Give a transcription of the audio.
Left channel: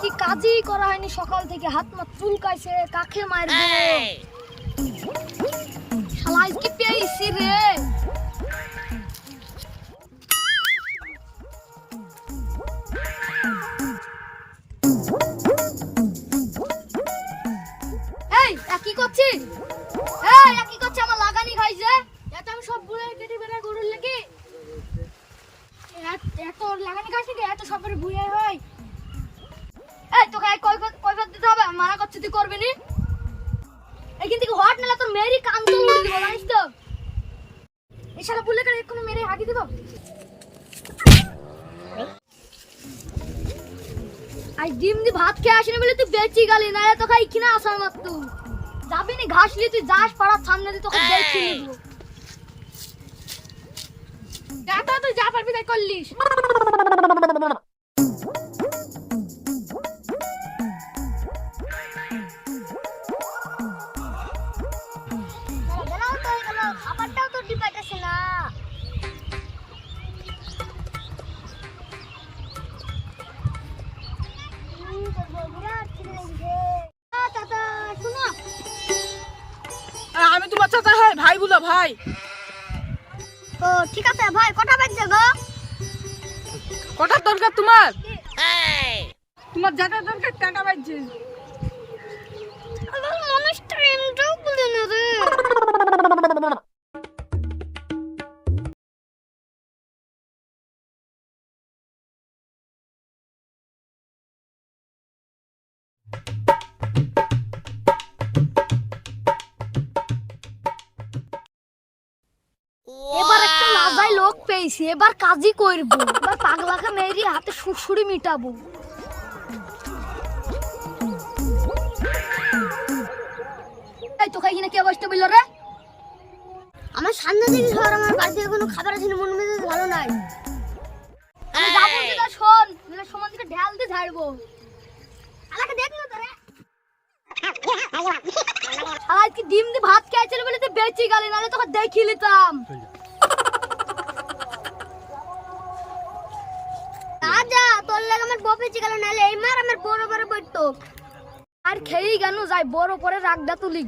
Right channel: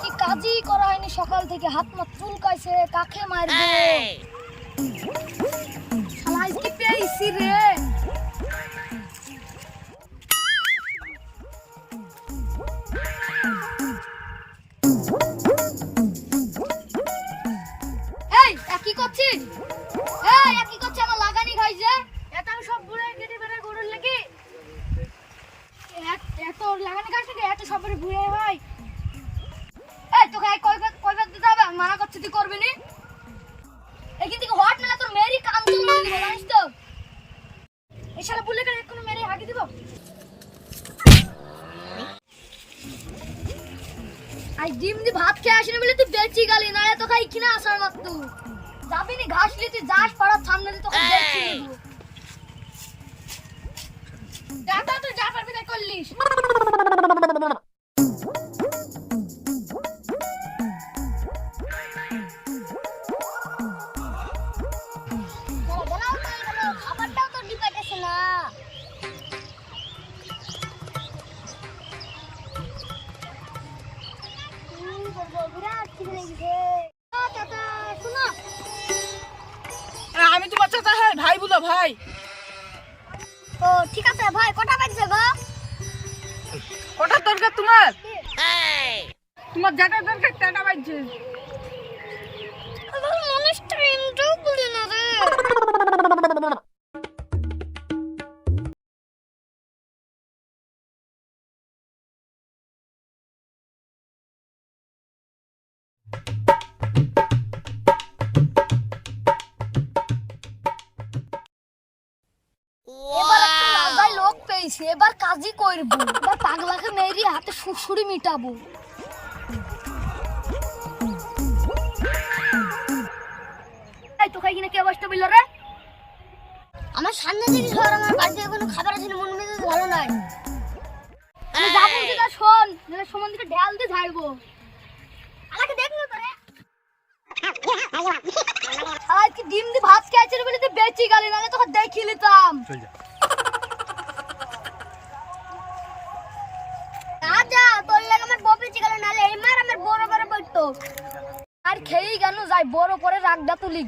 কি কাজই করা হয়নি সকাল থেকে, হাত মা চুলকাইছে, কাকে মারবে শালা কি পেয়েছি রে। এই কি করছিস? কি করছিস? আমার লাগানি খাইছে, এত আমি সব ভুলে কেটে বেড়া গরুর লাগি, এত লাগানি খাইছে এত সবের ভুয়ে হয়। এই তোকে কয়বার দিতে হবে? আমি মানা করছি, তুই করবি নি। এইখান থেকে হট নিলে তোর মেয়েরই কান তো উড়ে দিব, জানিস তো। এই শালা বুলে করে এক্ষুনি মেরে হাগি দিব। আই ডিম দি ভাত খেয়ে আসিনি বলে তুই বেঁচে গেলি, না রে তোকে এইখানে আসার মাত্র যাবি নি। ঘাস নিয়ে তুই যাস পাড়ার সামনে দিয়ে, তোকে বেঁচে নিব। যা তো, তুই যা পারবি তাই করলিস। খাবারটাও তো ডিপাইতেছে না। আমি তোমার চাচা, হ্যাঁ ভাই বুঝো ভাই। ও ঠিক আছে ভাই, কটা বাজছে গো? কটার দরকার তোমার? তোমার যেটা দরকার সেটা বাজছে। আমার মনে টাইমটাও বলে না রে। এবার একটা লাগাই লোক পেয়েছি, এবার কাজই করবো। এবার পাগলাকে মেরি হাতে সুড়সুড়ি মিটাবো। এই তোকে এখানে কি অবস্থা বললো রে? আমার সামনে থেকে সর, আমার বাড়িতে কোনো খাবার আছে না, মন মেজাজ ভালো নাই। আমি যাবো ঠিক আছে, শোন, নাহলে সমান দিকে ঢাল দিয়ে ঝাড়বো। আমাকে দেখ না তোরে। আজ কি ডিম দিয়ে ভাত খেয়েছিল বলে তো বেঁচে গেলি, নাহলে তোকে দেখি নিতাম। যা তোর লাগে আমার বউ বেঁচে গেল, নাহলে এই মার আমার বড় বড় পড়তো। আর খেয়েই গেল, যাই বড় করে রাগদা তুলি।